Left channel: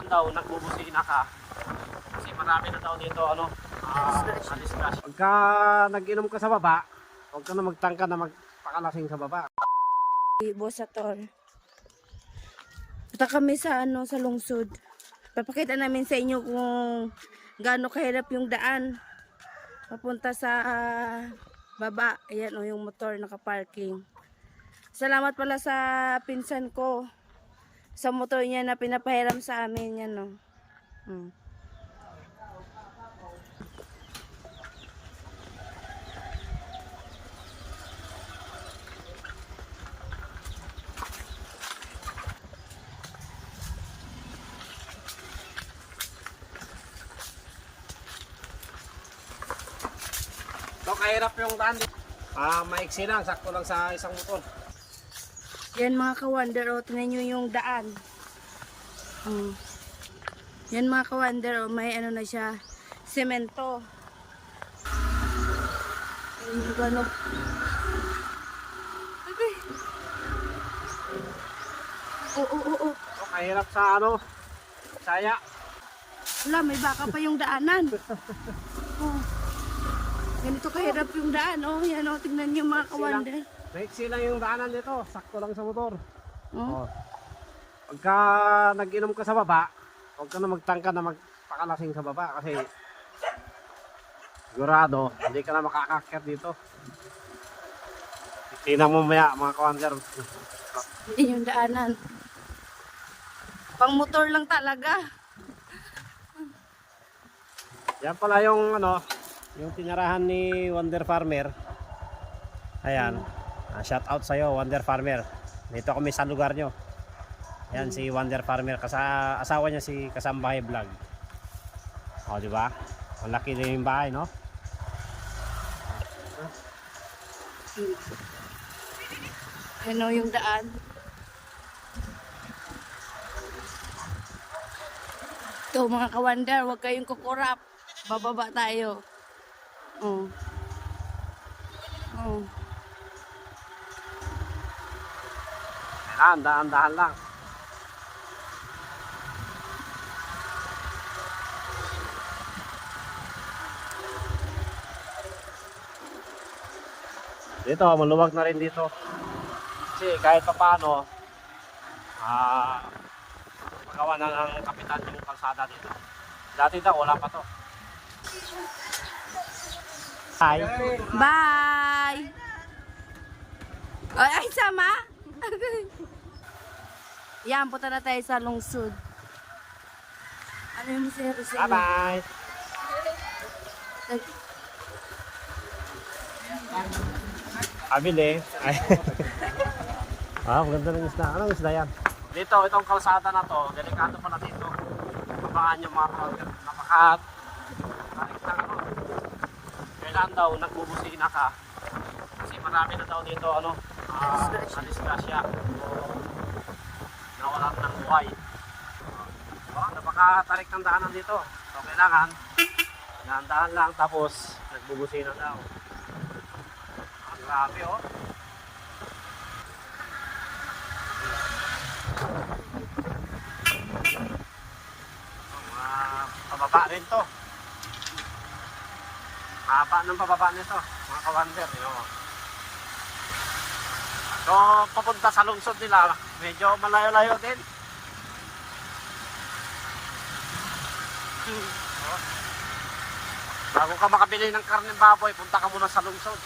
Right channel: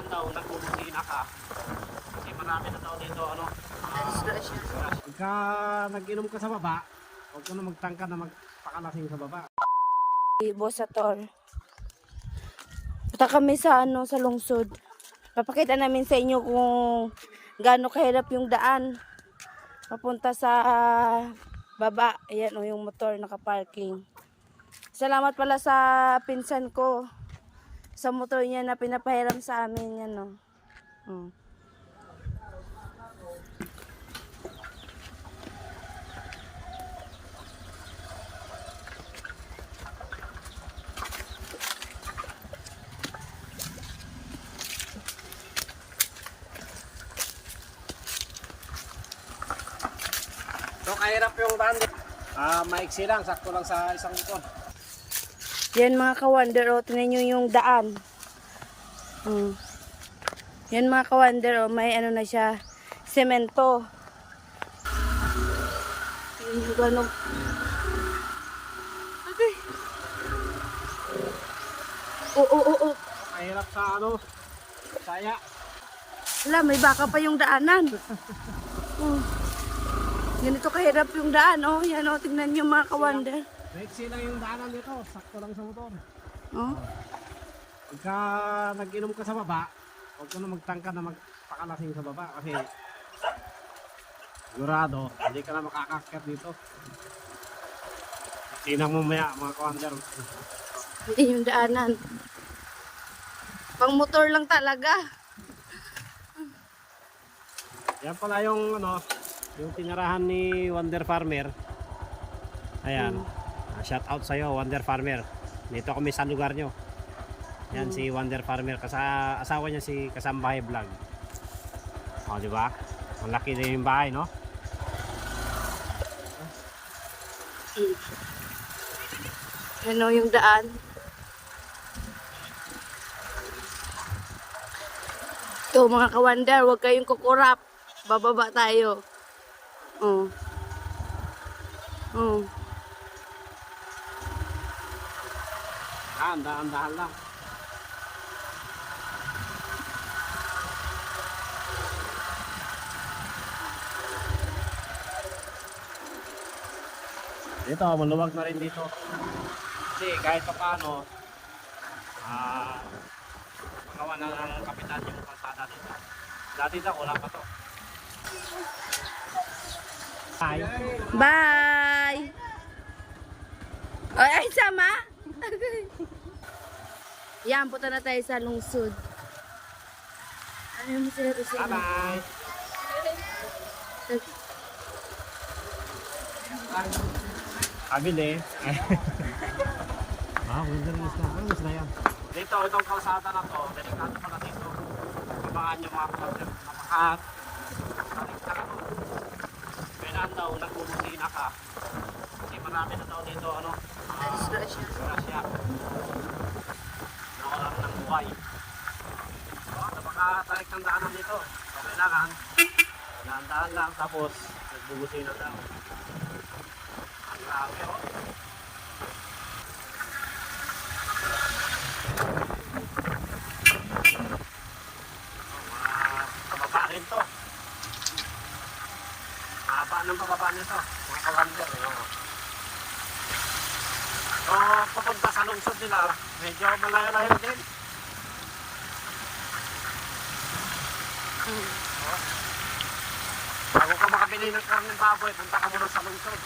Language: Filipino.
kailan daw nagbubusina ka. Kasi marami na daw dito disgrasya. Pagka nag-inom ka sa baba, huwag ka na magtangka na magpakalasing sa baba. Bosator. Punta kami sa sa lungsod. Papakita namin sa inyo kung gaano kahirap yung daan papunta sa baba. Ayan yung motor nakaparking. Salamat pala sa pinsan ko sa motor niya na pinapahiram sa amin yan So kahirap yung daan. Maiksi lang, sakto lang sa isang motor. Yan mga ka-wonder, tingnan nyo yung daan. Yan mga ka-wonder, may na siya, semento. Yung gano'n. Aday. Oo. So kahirap sa saya. Wala, may baka pa yung daanan. Ganito kahirap yung daan, Yan, tingnan nyo mga ka-wonder. Maiksi lang yung daanan dito, sakto lang sa motor. Oh. Pagka nag-inom ka sa baba, huwag ka na magtangka na magpakalasing sa baba kasi sigurado, hindi ka na makakakyat dito. Tingnan mo maya mga kawander. Hindi yung daanan. Pang motor lang talaga. Yan pala yung yung tinirahan ni Wonder Farmer. Ayan. Shout out sa'yo Wonder Farmer. Dito kami sa lugar nyo. Ayan si Wonder Farmer. Asawa niya si Kasambahay Vlog. O diba? Ang laki din yung bahay, no? Ano yung daan? Ito mga ka-wonder, huwag kayong kukurap. Bababa tayo. Ayan, dahan-dahan lang. Dito, maluwag na rin dito. Kasi kahit pa paano, magawa na ng kapitan yung kalsada dito. Dati daw, wala pa to. Hi. Bye! Ay, sama? Yan, punta na tayo sa lungsod. Ano yung musero sa inyo? Bye-bye. Abili. Ay. Maganda ng isda. Anong isda yan? Dito, itong kalsada na to, delikado pala dito. Abangan nyo mga kawander. Kailan daw nagbubusina ka. Kasi marami na daw dito, disgrasya. Nawalan ng buhay. Napakatarik ng daanan dito. So, kailangan, daan lang, tapos nagbubusina daw. Grabe, pababa rin to. Haba ng pababa nito, mga kawander. Papunta sa lungsod nila, medyo malayo-layo din. Bago ka makabili ng karning baboy, punta ka muna sa lungsod.